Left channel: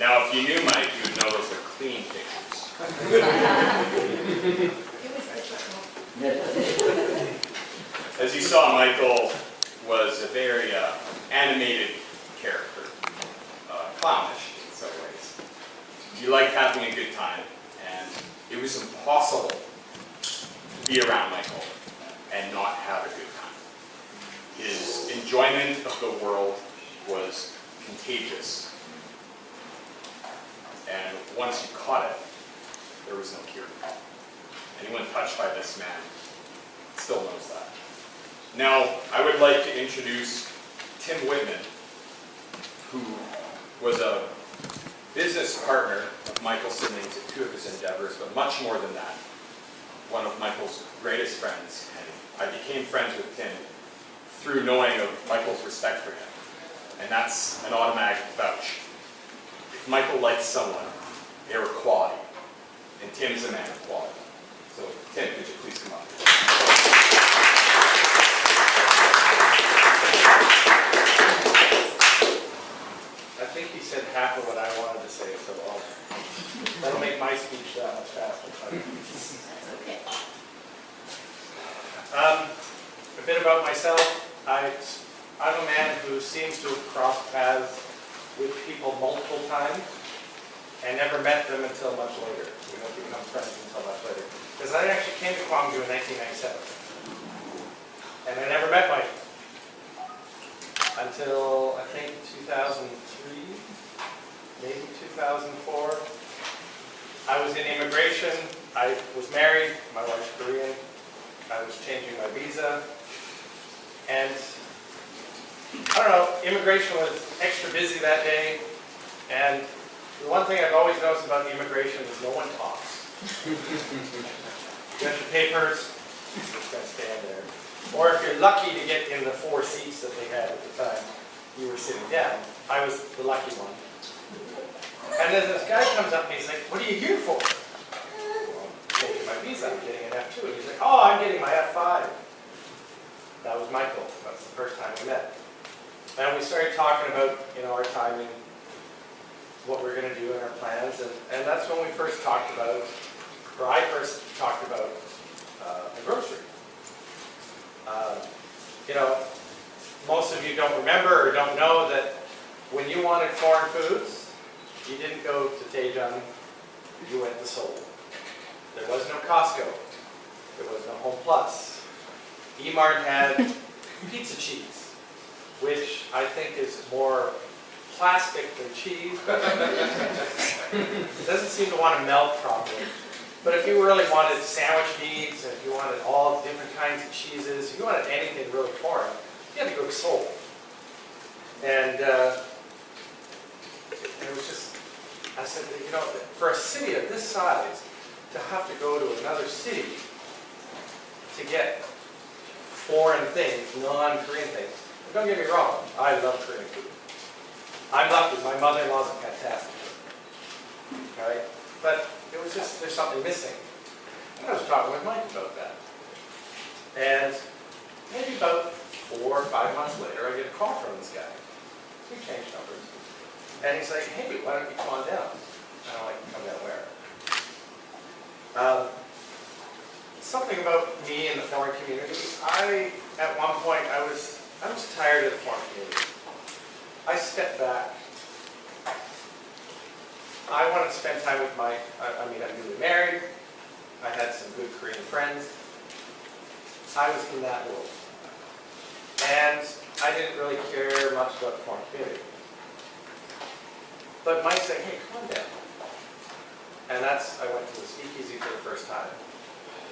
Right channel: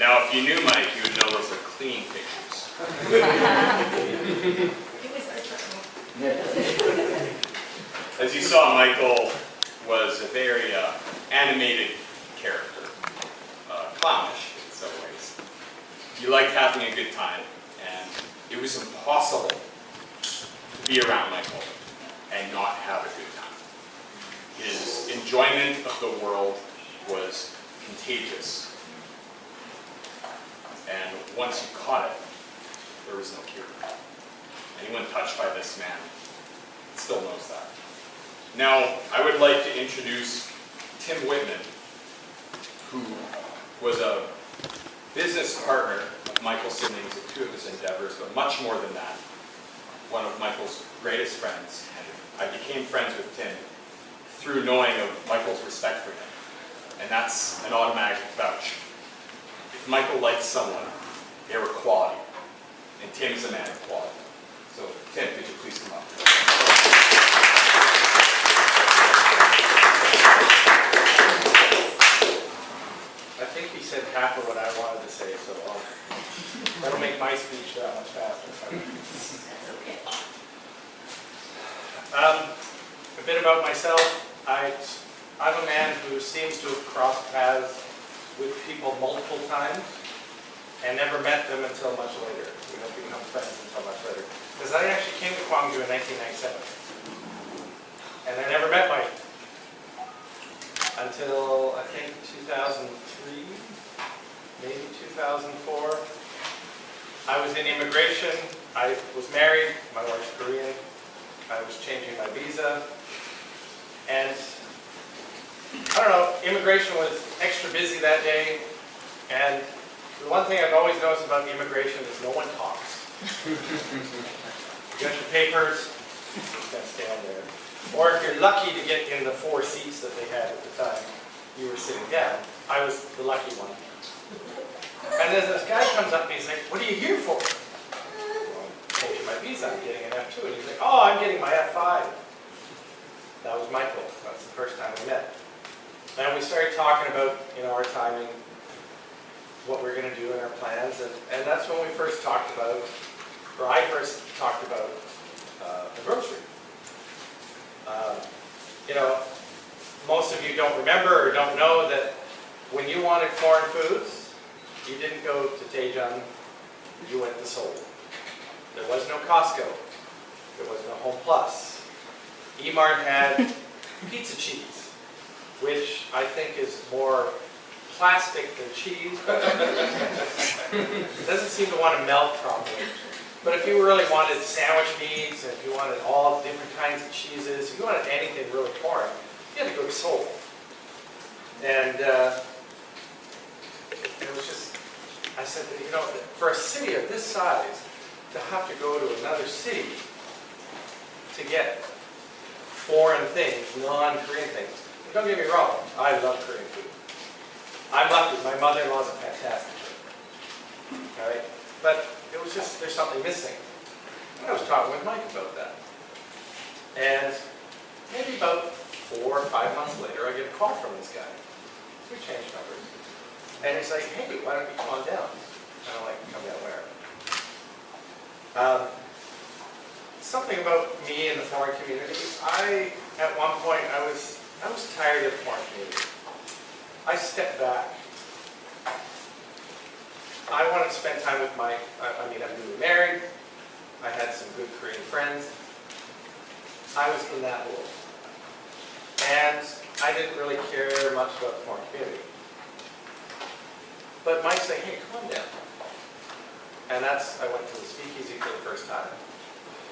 Now, if you knew Mike, you would know those are clean pictures. As you saw, Michael was a very animated character, clownish in some ways. He liked having a good time, and it was impossible to be around Michael and not have a good time. His enjoyment of the world was contagious. And once you caught it, there was no cure. Anyone touched by this man still knows that. Now, I would like to introduce Tim Whitman, who was a business partner of Michael Simning's at two of his endeavors, but much more than that, one of Michael's greatest friends. And I became friends with Tim through knowing of Michael's respect for him. And that's an automatic vouch. If Michael likes someone, they were quality. And Tim's a man of quality. So, Tim, could you please come up? I think he said half of what I wanted to say, so that'll make my speech that much faster. That's okay. A bit about myself. I'm a man who seems to have crossed paths with people multiple times and never met them until much later. We don't become friends until much later. Because I actually came to Gwangju in 1997. And I never met Mike until, I think, 2003, maybe 2004. I was in immigration. I was married. My wife's Korean. I was changing my visa. And I don't know, immigration was extra busy that day. And the one thing I've always noticed about immigration is no one talks. You got your papers, you're just going to stand there. Or if you're lucky to get in the 4 seats that they had at the time, you were sitting down. I was the lucky one. And then this guy comes up and he's like, "What are you here for?" Well, I'm changing my visa, I'm getting an F2. And he's like, "Oh, I'm getting my F5. That was Michael. That's the first time we met. And we started talking about, our timing, what we're going to do in our plans, and that's when we first talked about, or I first talked about the grocery. Most of you don't remember or don't know that when you wanted foreign foods, you didn't go to Daejeon, you went to Seoul. There was no Costco. There was no Home Plus. E-Mart had pizza cheese, which I think is more plastic than cheese. It doesn't seem to want to melt properly. But if you really wanted sandwich meats, and if you wanted all different kinds of cheeses, if you wanted anything really foreign, you had to go to Seoul. And it was just, I said, for a city of this size, to have to go to another city to get foreign things, non-Korean things. Don't get me wrong, I love Korean food. I'm lucky, my mother-in-law's a fantastic cook. All right? But it was just, there's something missing. And I was talking with Mike about that. And maybe about 4 or 5 months later, I get a call from this guy. We changed numbers. And he's like, "Hey, why don't you come on down?" I don't like to come down where. Something about me in the foreign community, at one point, I was tired of the foreign community. I stepped back. I wanted to spend time with I'm newly married. I had some good Korean friends. I was in that world. And I didn't really care much about the foreign community. But Mike said, hey, come on down. And I went to the speakeasy for the first time.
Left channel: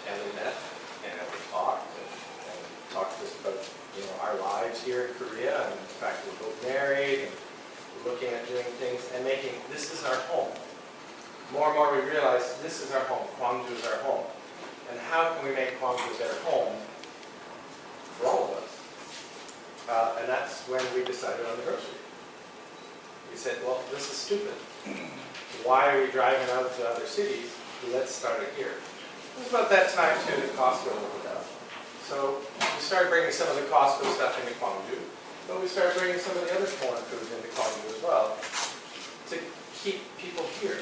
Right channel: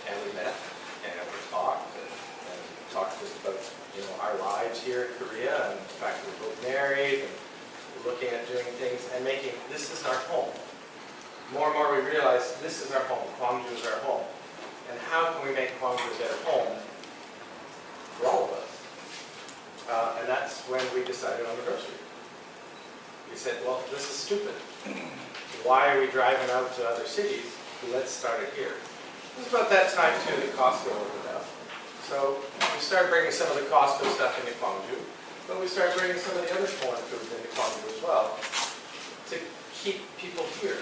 And we met, and we talked, and talked just about, our lives here in Korea, and the fact that we're both married, and we're looking at doing things, and making, this is our home. More and more we realize, this is our home, Gwangju is our home. And how can we make Gwangju a better home for all of us? And that's when we decided on the grocery. We said, well, this is stupid. Why are we driving out to other cities? Let's start it here. It was about that time, too, that Costco opened up. So we started bringing some of the Costco stuff into Gwangju, but we started bringing some of the other foreign foods into Gwangju as well to keep people here,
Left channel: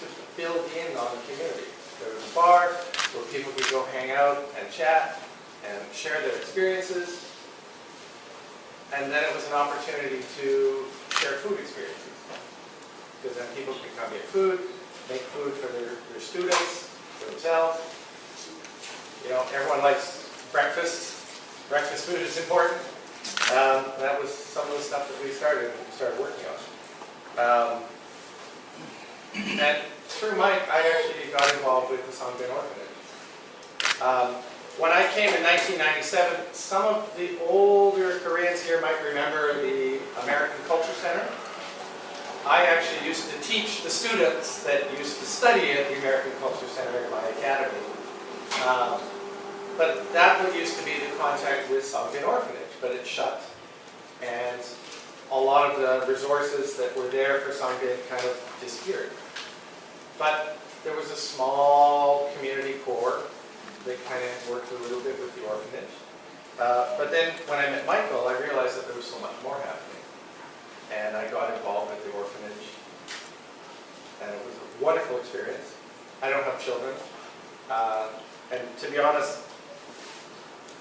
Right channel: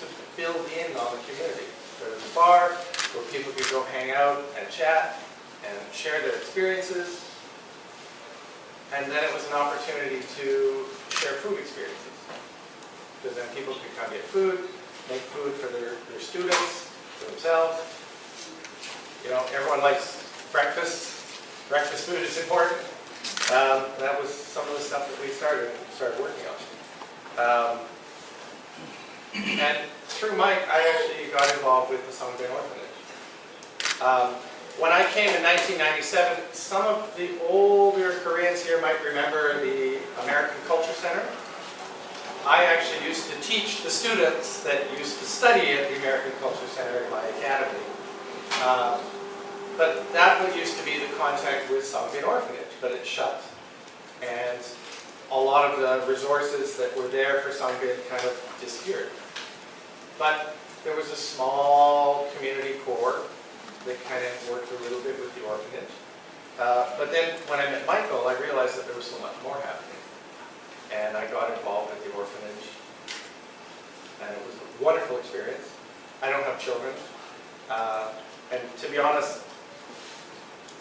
to build in on the community. There was a bar where people could go hang out and chat and share their experiences. And then it was an opportunity to share food experiences. Because then people could come get food, make food for their students, for themselves. Everyone likes breakfast. Breakfast food is important. That was some of the stuff that we started working on. And through Mike, I actually got involved with the Songbin Orphanage. When I came in 1997, some of the older Koreans here might remember the American Culture Center. I actually used to teach the students that used to study at the American Culture Center in my academy. But that used to be the contact with Songbin Orphanage, but it shut. And a lot of the resources that were there for Songbin kind of disappeared. But there was a small community core that kind of worked a little bit with the orphanage. But then when I met Michael, I realized that there was so much more happening. And I got involved with the orphanage. And it was a wonderful experience. I don't have children. And to be honest,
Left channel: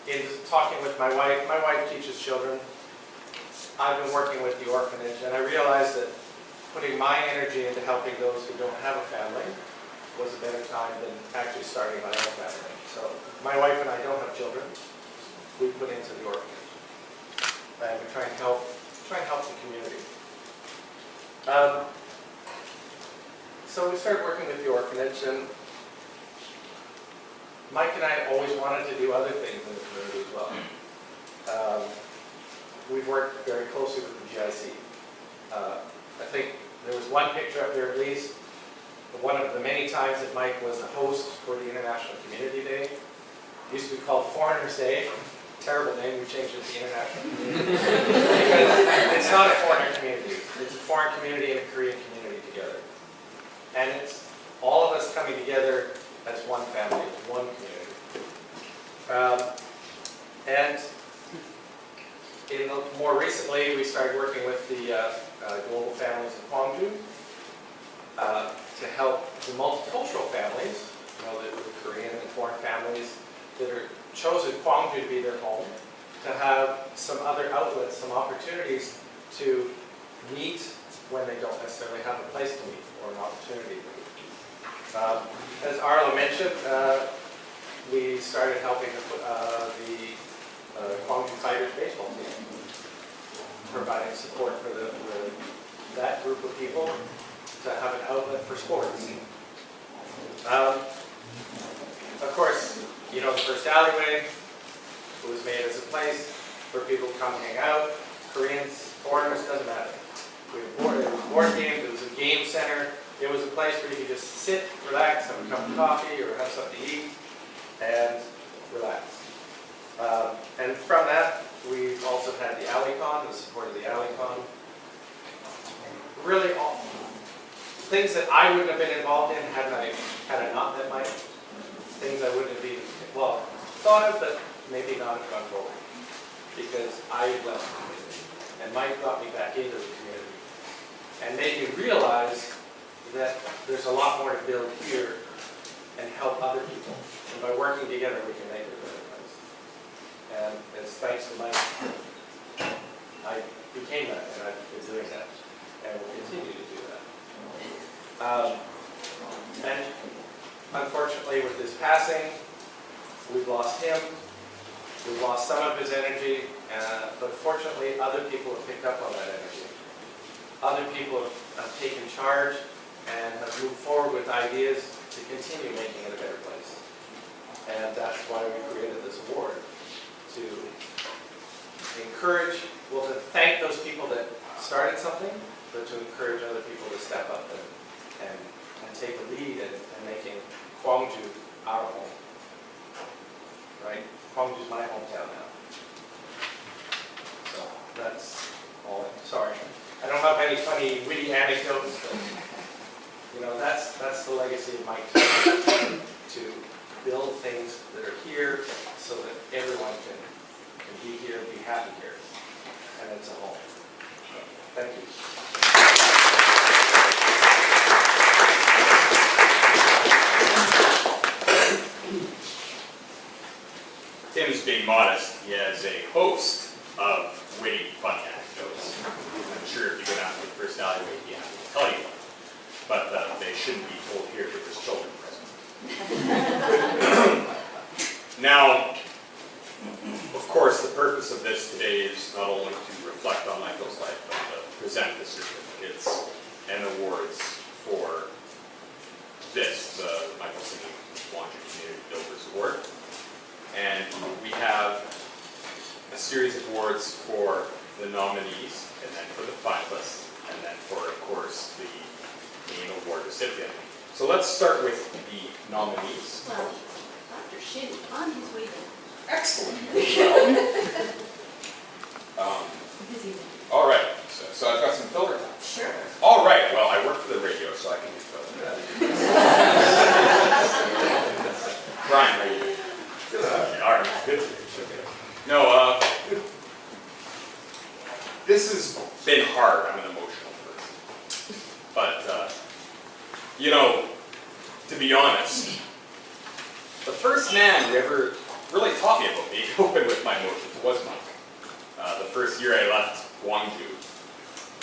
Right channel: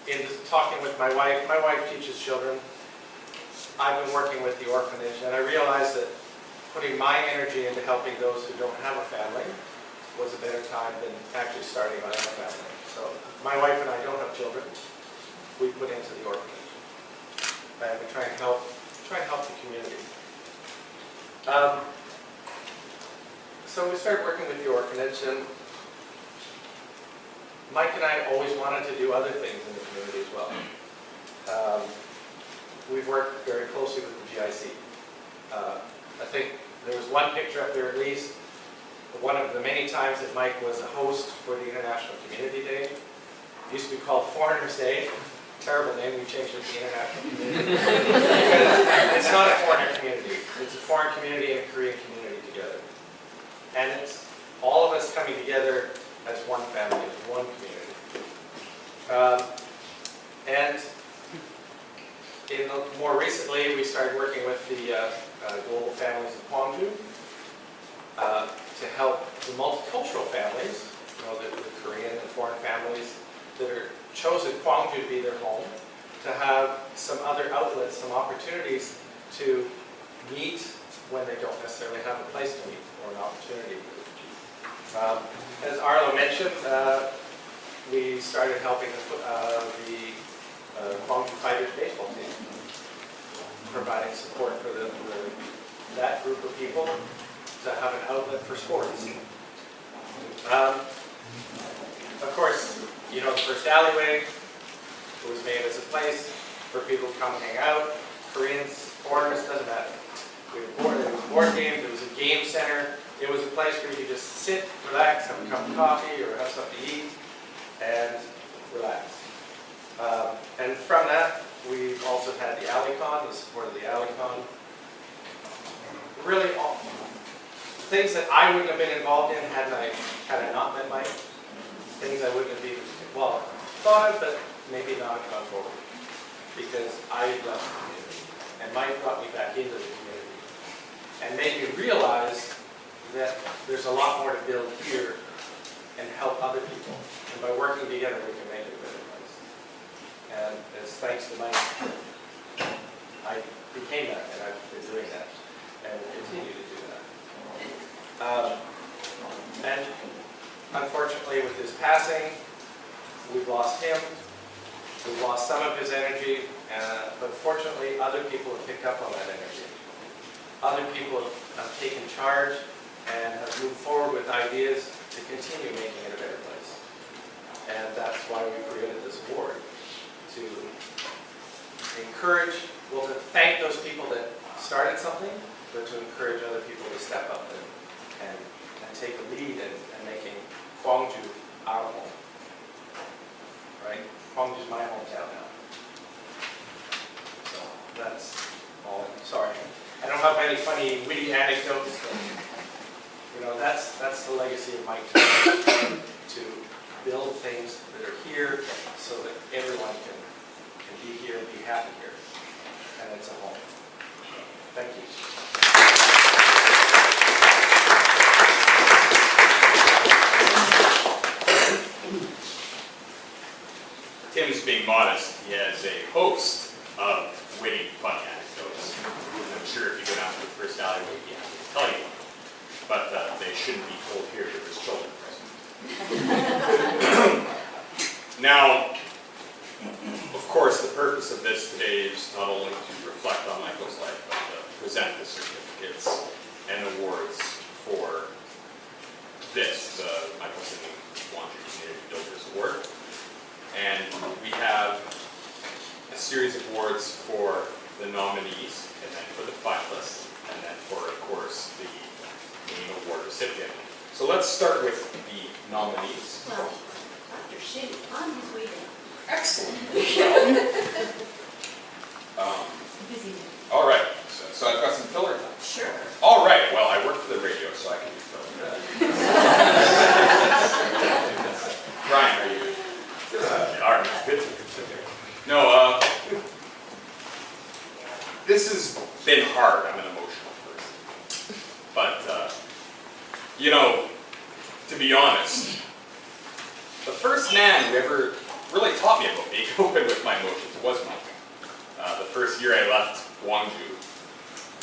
in talking with my wife teaches children. I've been working with the orphanage, and I realized that putting my energy into helping those who don't have a family was a better time than actually starting my own family. So my wife and I don't have children. We put into the orphanage, and we try and help the community. So we started working with the orphanage, and Mike and I always wanted to do other things in the community as well. We've worked very closely with the GIC. I think there was one picture up there at least, one of the many times that Mike was a host for the International Community Day. It used to be called Foreigners Day. Terrible name, we changed it to International Community. Because it's not a foreigner community. It's a foreign community and a Korean community together. And it's all of us coming together as one family, as one community. And more recently, we started working with the global families of Gwangju to help the multicultural families, the Korean and foreign families that are chosen Gwangju to be their home, to have some other outlets, some opportunities to meet when they don't necessarily have a place to meet or an opportunity. As Arlo mentioned, we started helping the Gwangju Fighters baseball team, providing support for that group of people to have an outlet for sports. Of course, the first alleyway was made as a place for people to come and hang out. Koreans, foreigners, doesn't matter. It was board games, it was a game center. It was a place where you could just sit, relax, have a cup of coffee or have something to eat, and relax. And from that, we've also had the AlleyCon, the support of the AlleyCon. Really, all things that I wouldn't have been involved in had I not met Mike. Things I wouldn't have even, thought of, but maybe not have gone forward. Because I had left the community. And Mike brought me back into the community. And made me realize that there's a lot more to build here and help other people. And by working together, we can make it a better place. And it's thanks to Mike, I became that, and I've been doing that, and will continue to do that. And unfortunately, with his passing, we've lost him. We've lost some of his energy, but fortunately, other people have picked up on that energy. Other people have taken charge and have moved forward with ideas to continue making it a better place. And that's why we created this award, to encourage, well, to thank those people that started something, but to encourage other people to step up and take a lead in making Gwangju our home. Right? Gwangju's my hometown now. So that's all. Sorry. I don't have any funny, witty anecdotes, but you know, that's the legacy of Mike, to build things that are here so that everyone can be here and be happy here. And it's a home. So, thank you. Tim's being modest. He has a host of witty, funny anecdotes. I'm sure if you go down to the first alleyway, he'd be happy to tell you one. But they shouldn't be told here because there's children present. Now, of course, the purpose of this today is not only to reflect on Michael's life, but to present the certificates and awards for this, the Michael Simning Gwangju Community Builders Award. And we have a series of awards for the nominees, and then for the finalists, and then for, of course, the main award recipient. So let's start with the nominees. Well, Dr. Shin is on his way down. Excellent. Busy man. All right, so I've got some filler time. Sure. All right, well, I work for the radio, so I can do filler. Brian, how are you doing? All right, good. No, this has been hard. I'm an emotional person. But, you know, to be honest, the first man who ever really taught me about being open with my emotions was Mike. The first year I left Gwangju,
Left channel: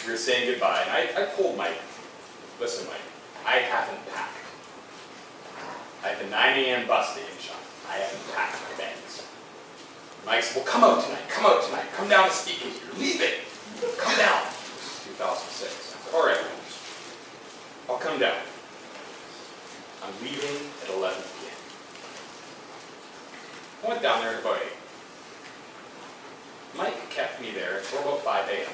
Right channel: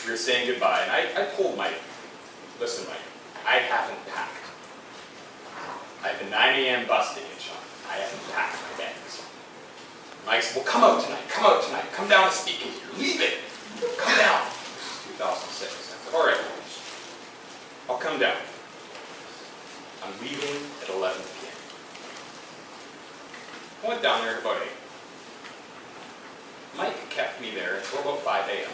we were saying goodbye, and I told Mike, listen, Mike, I haven't packed. I have a 9 a.m. bus to Incheon. I haven't packed my bags. Mike said, well, come out tonight, come down to speak with you. You're leaving. Come down. This is 2006. I said, all right, I'll come down. I'm leaving at 11 p.m. I went down there at about 8. Mike kept me there until about 5 a.m.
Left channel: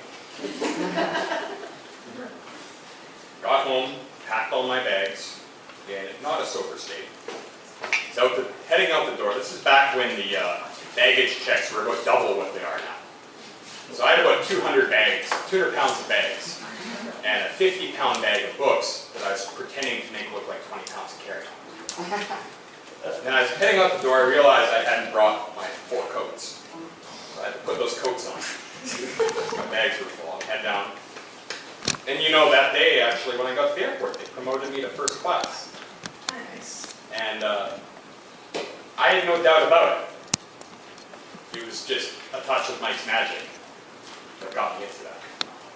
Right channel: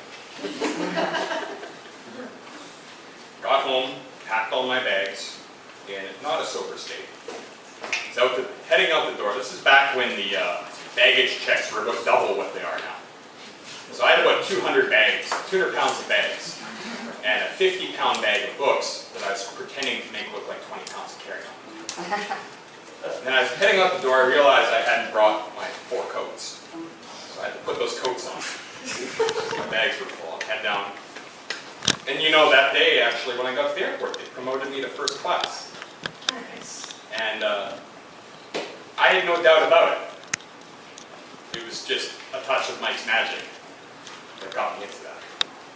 Got home, packed all my bags, and not a sober state. He's heading out the door. This is back when the baggage checks were about double what they are now. So I had about 200 pounds of bags, and a 50-pound bag of books that I was pretending to make look like 20 pounds of carry-on. And then I was heading out the door, I realized I hadn't brought my 4 coats. So I had to put those coats on. My bags were full. I'd head down. And you know, that day, actually, when I got to the airport, they promoted me to first class. Nice. And I had no doubt about it. It was just a touch of Mike's magic that got me into that.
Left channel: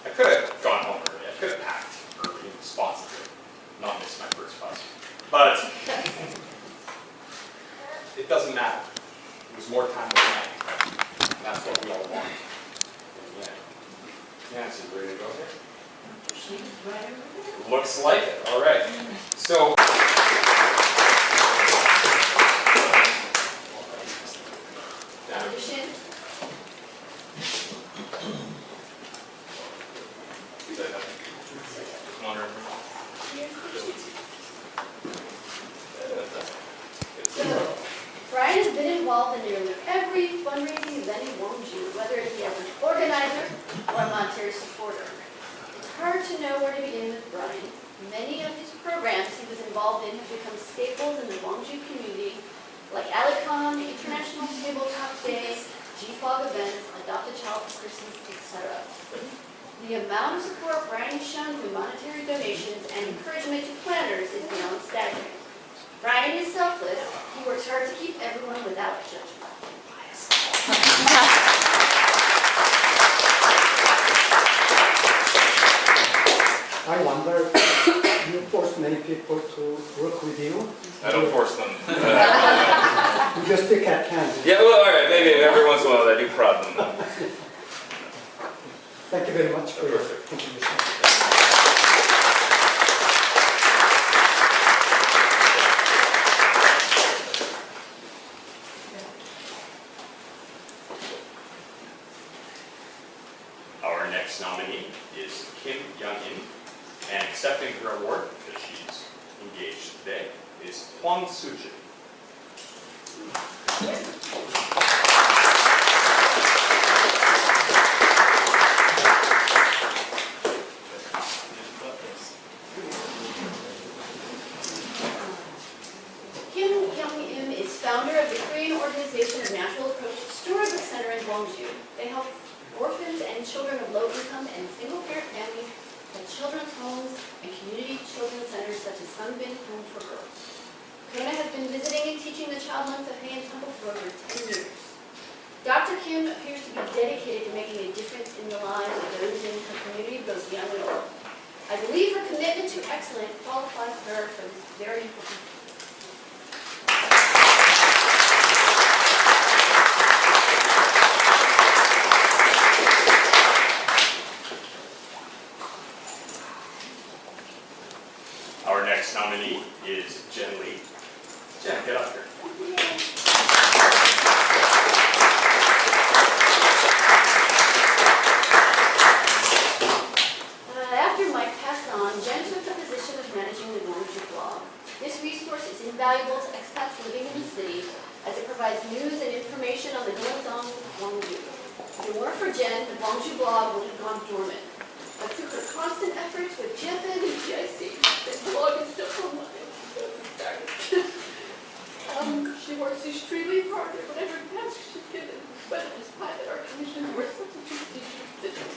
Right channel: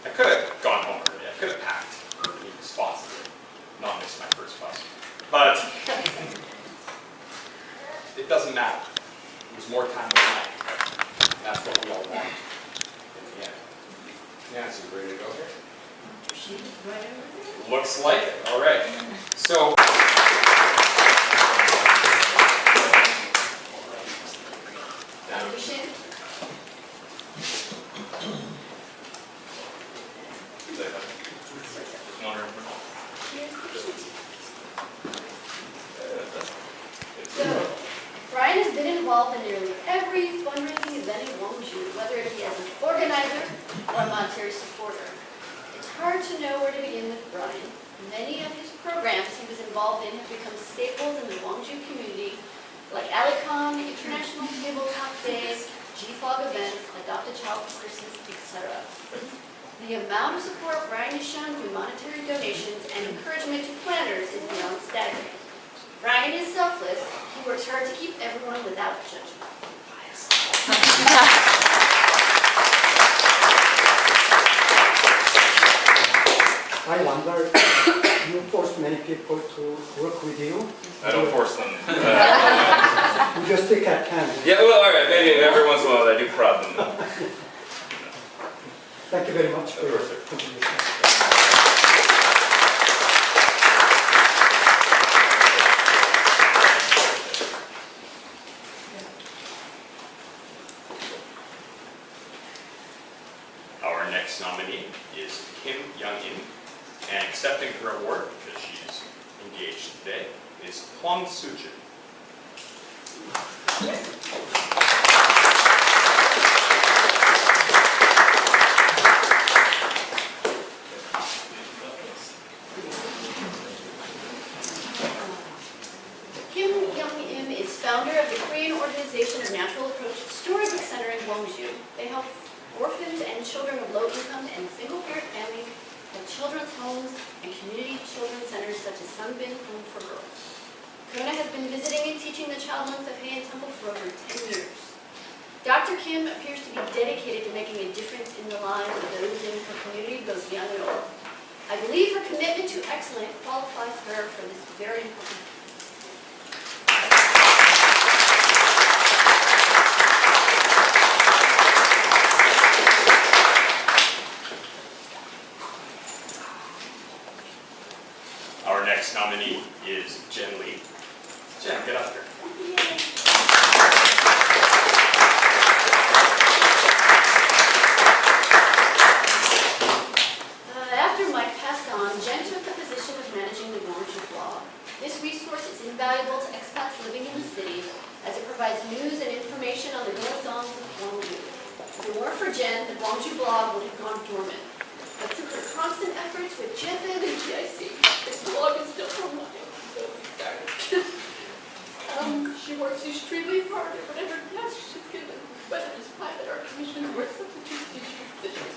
I could have gone home early. I could have packed early and responsibly, not missed my first bus. But it doesn't matter. It was more time with Mike. And that's what we all want in the end. Nancy, ready to go here? She was right over there. Looks like it. All right. So. Dr. Shin? Just wondering. Here's the sheet. So, Brian has been involved in nearly every fundraising event in Gwangju, whether it be as an organizer or a monetary supporter. It's hard to know where to begin with Brian. Many of his programs he was involved in have become staples in the Gwangju community, like Alicon, International Tabletop Day, GFOG events, Adopt a Child for Christmas, etc. The amount of support Brian has shown through monetary donations and encouragement to planners is beyond staggering. Brian is selfless. He works hard to keep everyone without judgment. I wonder, you force many people to work with you? I don't force them. You just stick at hand. Yeah, well, all right, maybe every once in a while I do prod them. Thank you very much for your Perfect. contribution. Our next nominee is Kim Young-in, and accepting her award, because she's engaged today, is Kwang Soo-jin. Kim Young-im is founder of the Korean Organization of Natural Approach Storybook Center in Gwangju. They help orphans and children of low income and single-parent families at children's homes and community children's centers such as Sunbin Home for Girls. Kona has been visiting and teaching the Child Monks of Hae Temple for over 10 years. Dr. Kim appears to be dedicated to making a difference in the lives of those in her community, both young and old. I believe her commitment to excellence qualifies her for this very important. Our next nominee is Jen Lee. Jen, get up here. After Mike passed on, Jen took the position of managing the Gwangju blog. This resource is invaluable to expats living in the city as it provides news and information on the goings-on of Gwangju. If it weren't for Jen, the Gwangju blog would have gone dormant. But through her constant efforts with GFN and GIC, this blog is still online. She works extremely hard at whatever task she's given, whether it's private or commissions or substitute teacher positions.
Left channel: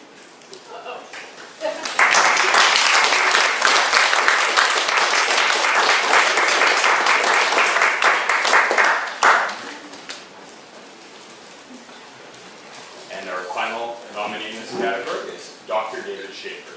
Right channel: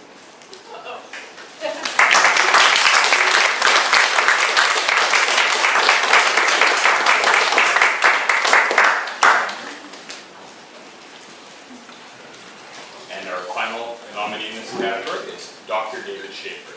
And our final nominee in this category is Dr. David Schaefer.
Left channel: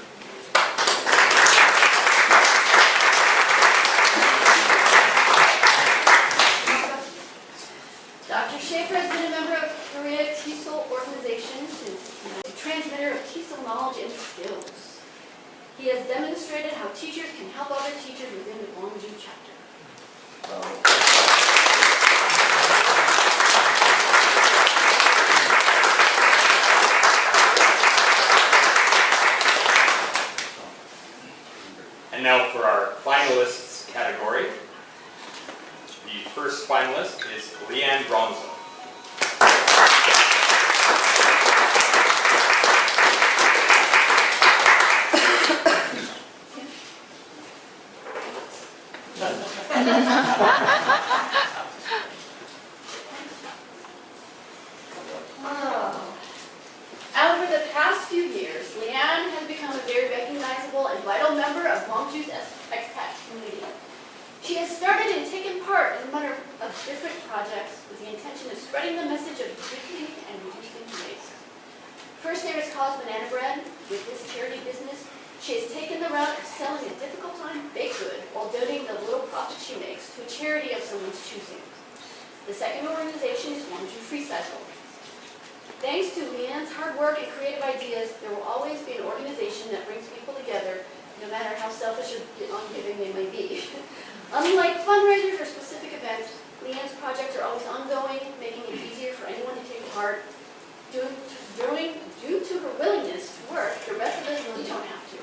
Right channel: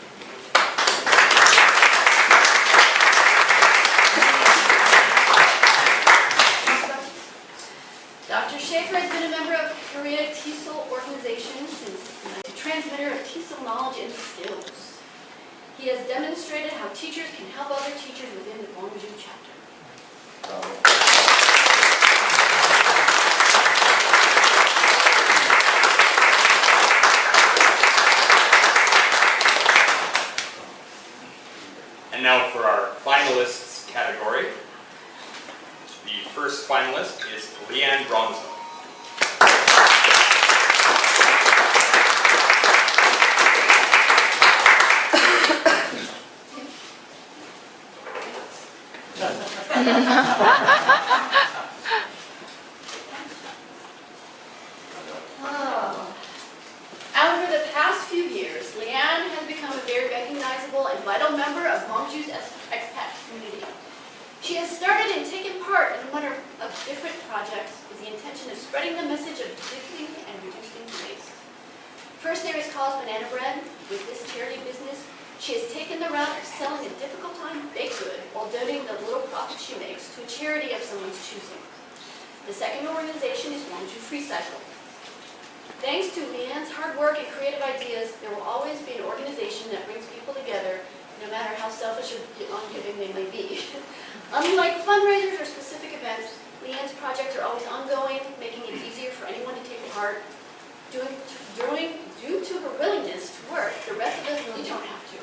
Dr. Schaefer has been a member of Korea TESOL organization since a transmitter of TESOL knowledge and skills. He has demonstrated how teachers can help other teachers within the Gwangju chapter. And now for our finalists category. The first finalist is Leanne Bronzo. Over the past few years, Leanne has become a very recognizable and vital member of Gwangju's expat community. She has started and taken part in a number of different projects with the intention of spreading the message of gifting and reducing waste. First, there is Cause Banana Bread. With this charity business, she has taken the route of selling a difficult-time baked good while donating the little profit she makes to a charity of someone's choosing. The second organization is Gwangju Free Cycle. Thanks to Leanne's hard work and creative ideas, there will always be an organization that brings people together, no matter how selfish or ungiving they may be. Unlike fundraisers or specific events, Leanne's projects are always ongoing, making it easier for anyone to take part. Due to her willingness to work, the rest of us really don't have to.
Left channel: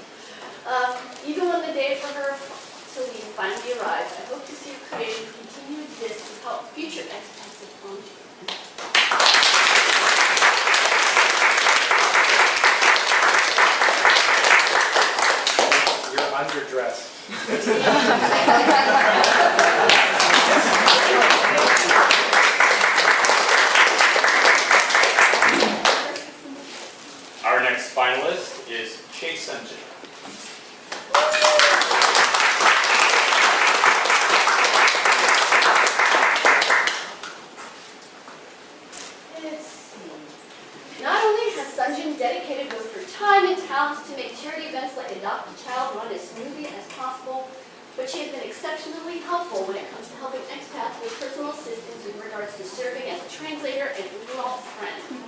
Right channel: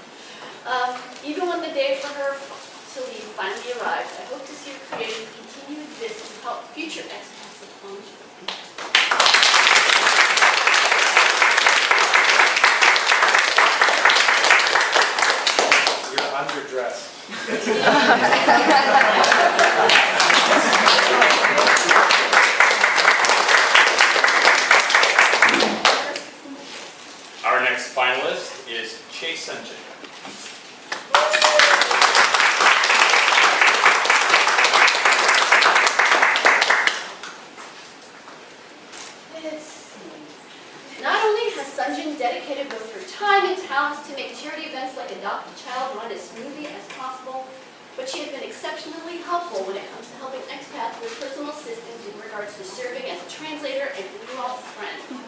Even when the day for her to leave finally arrives, I hope to see her creations continue to exist to help future expats of Gwangju. You're underdressed. Our next finalist is Chase Sunjin. Let's see. Not only has Sunjin dedicated both her time and talents to make charity events like Adopt a Child run as smoothly as possible, but she has been exceptionally helpful when it comes to helping expats with personal assistance in regards to serving as a translator and overall friend.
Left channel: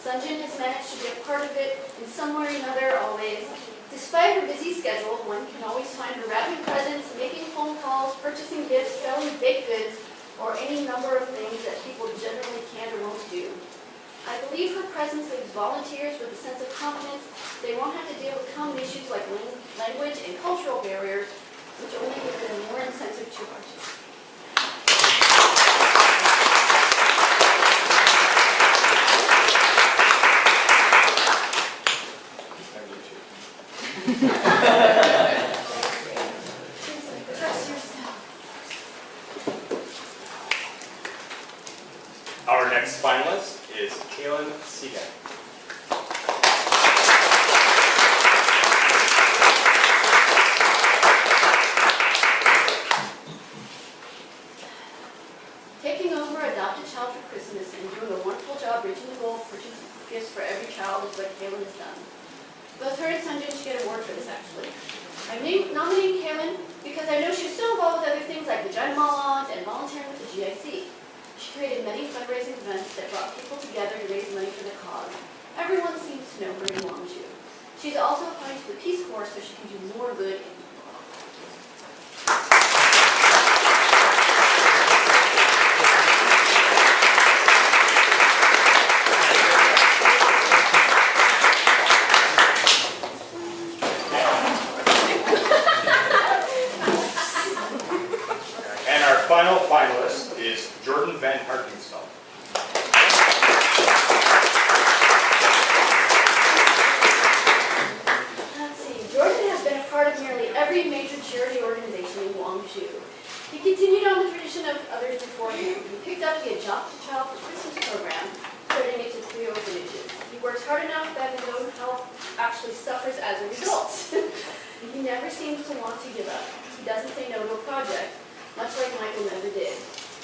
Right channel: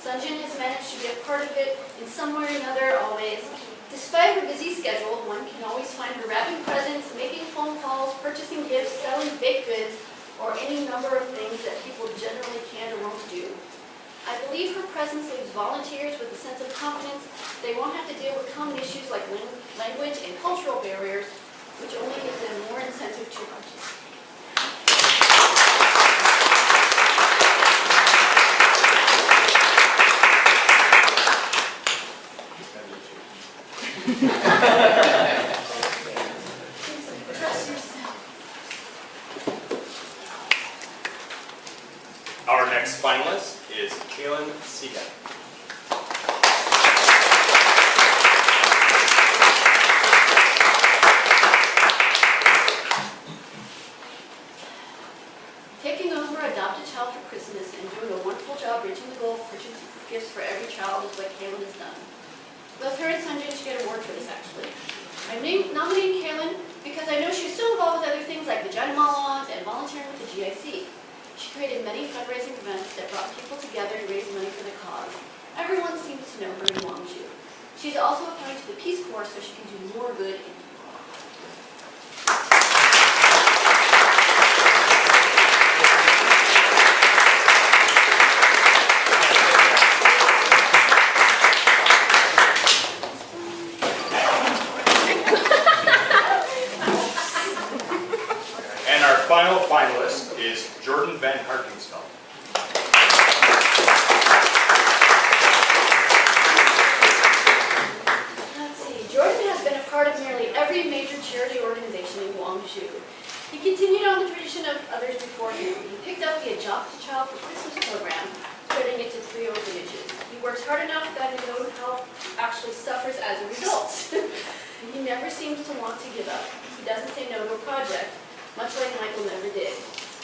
Sunjin has managed to be a part of it in some way or another always. Despite her busy schedule, one can always find her wrapping presents, making phone calls, purchasing gifts, selling baked goods, or any number of things that people generally can or won't do. I believe her presence leaves volunteers with a sense of confidence. They won't have to deal with common issues like language and cultural barriers, which only gives them more incentive to participate. Trust yourself. Our next finalist is Kaylin Seagat. Taking over Adopt a Child for Christmas and doing a wonderful job reaching the goal of purchasing gifts for every child is what Kaylin has done. Both her and Sunjin should get an award for this, actually. I'm nominating Kaylin because I know she's so involved with other things like vagina monologues and volunteering with the GIC. She created many fundraising events that brought people together to raise money for the cause. Everyone seems to know her in Gwangju. She's also applying to the Peace Corps so she can do more good in the world. And our final finalist is Jordan Van Harkingsveld. Let's see. Jordan has been a part of nearly every major charity organization in Gwangju. He continued on the tradition of others before him. He picked up the Adopt a Child for Christmas program, spreading it to 3 orphanages. He works hard enough that his own health actually suffers as a result. He never seems to want to give up. He doesn't say no to a project, much like Michael never did.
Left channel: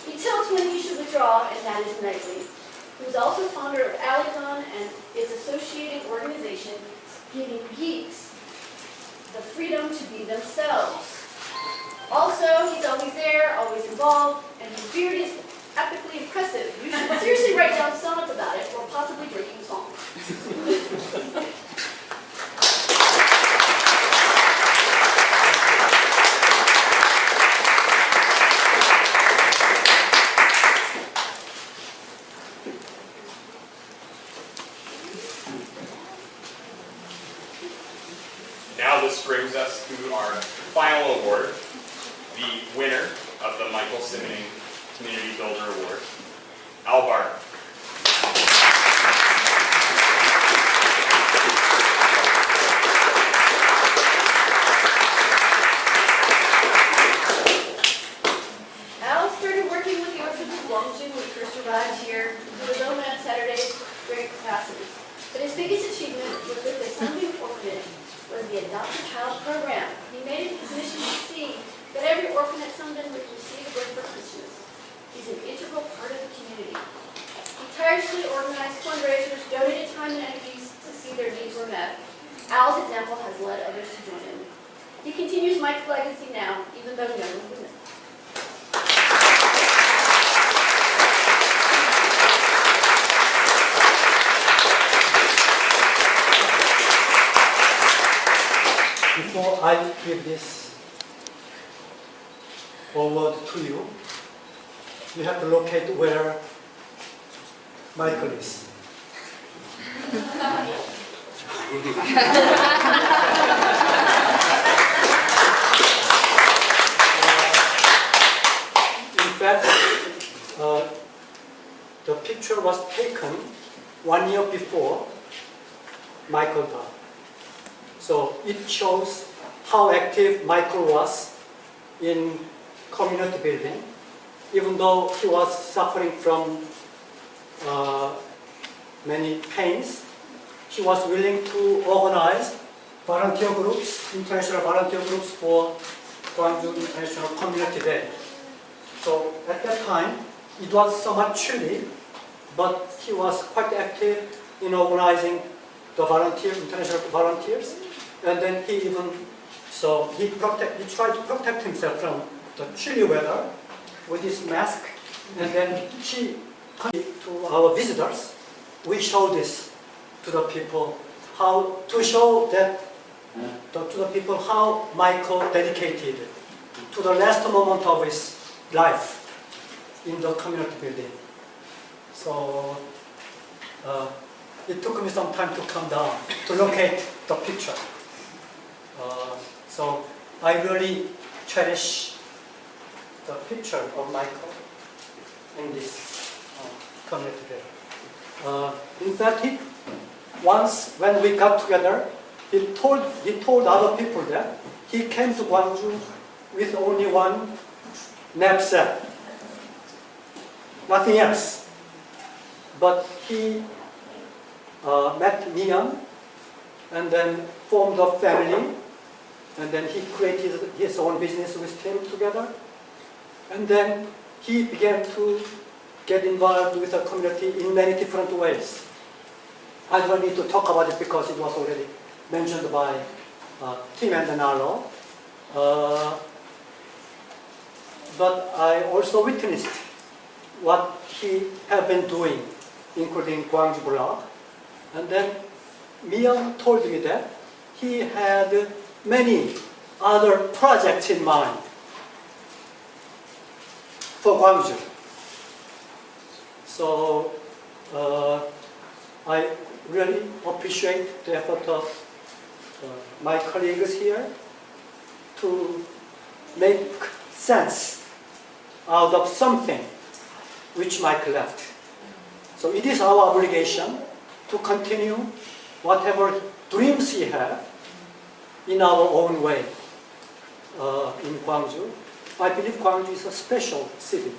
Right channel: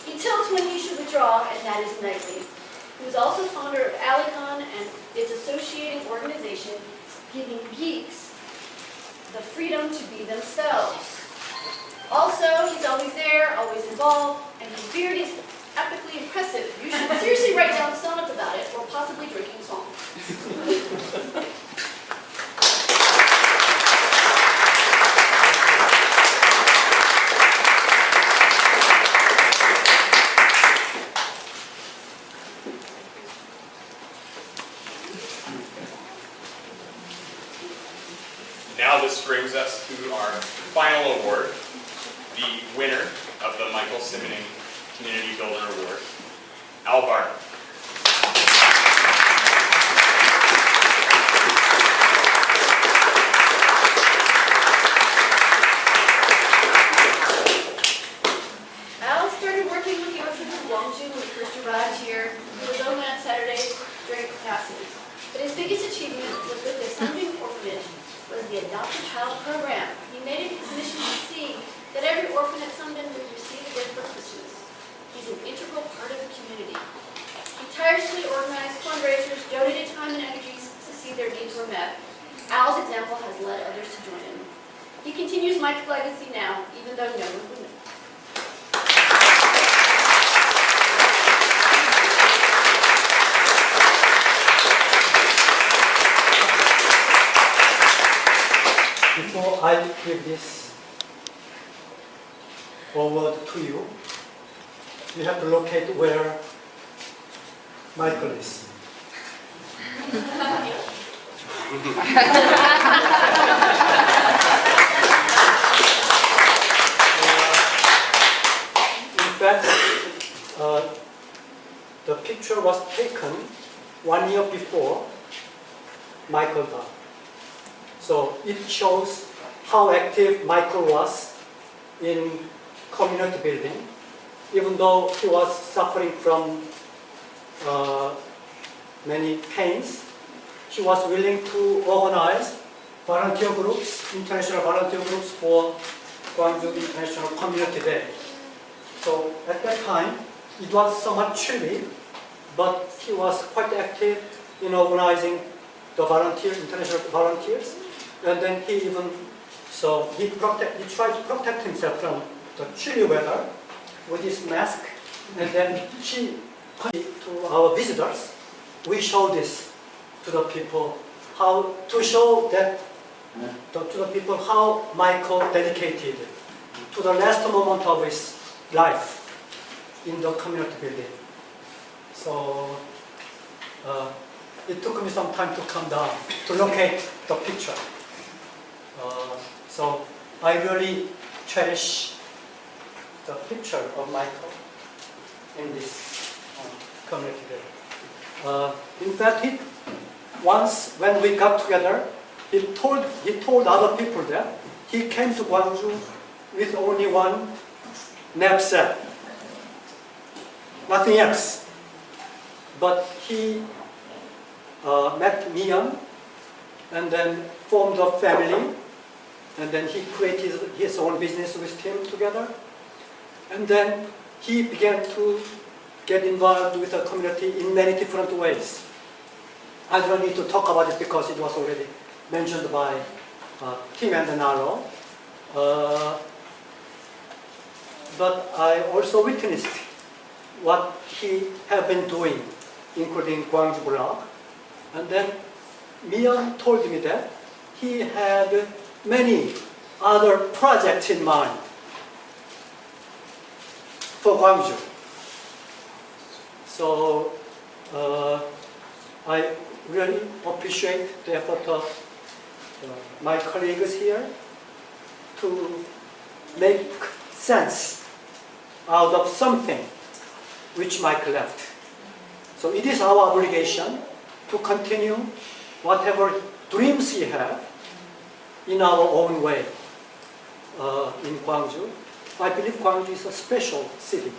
He tilts when he should withdraw, and that is nightly. He was also founder of Alicon and its associating organization, giving geeks the freedom to be themselves. Also, he's always there, always involved, and his beard is epically impressive. You should seriously write down sonnets about it, or possibly drinking songs. Now this brings us to our final award, the winner of the Michael Simning Community Builder Award, Al Barton. Al started working with the orphans in Gwangju when he first arrived here. He was only on Saturdays during classes. But his biggest achievement was with the Simning orphanage was the Adopt a Child program. He made it his mission to see that every orphan at Simning would receive a gift for Christmas. He's an integral part of the community. He tirelessly organized fundraisers, donated time and energies to see their needs were met. Al's example has led others to join him. He continues Mike's legacy now, even though no one would know. Before I give this award to you, you have to locate where Michael is. In fact, the picture was taken 1 year before Michael died. So it shows how active Michael was in community building, even though he was suffering from many pains. he was willing to organize volunteer groups, international volunteer groups for Gwangju International Community Day. So at that time, it was somewhat chilly, but he was quite active in organizing the volunteers, international volunteers, and then he even, so he tried to protect himself from the chilly weather with his mask, and then to our visitors, we show this to the people, how to show that to the people how Michael dedicated to the last moment of his life in the community building. So it took me some time to come down to locate the picture. So I really cherish the picture of Michael in this community building. In fact, once when we got together, he told other people that he came to Gwangju with only one knapsack, nothing else. But he met Mian and then formed a family, and then he created his own business with him together. And then he began to get involved with the community in many different ways. I don't need to talk about it because it was already mentioned by Tim and Arlo. But I also witnessed what he had been doing, including Gwangju blog. And then Mian told me that he had many other projects in mind for Gwangju. So I really appreciate the effort of my colleagues here to make sense out of something which Mike left. So it is our obligation to continue whatever dreams he had in our own way in Gwangju. I believe Gwangju is a special city.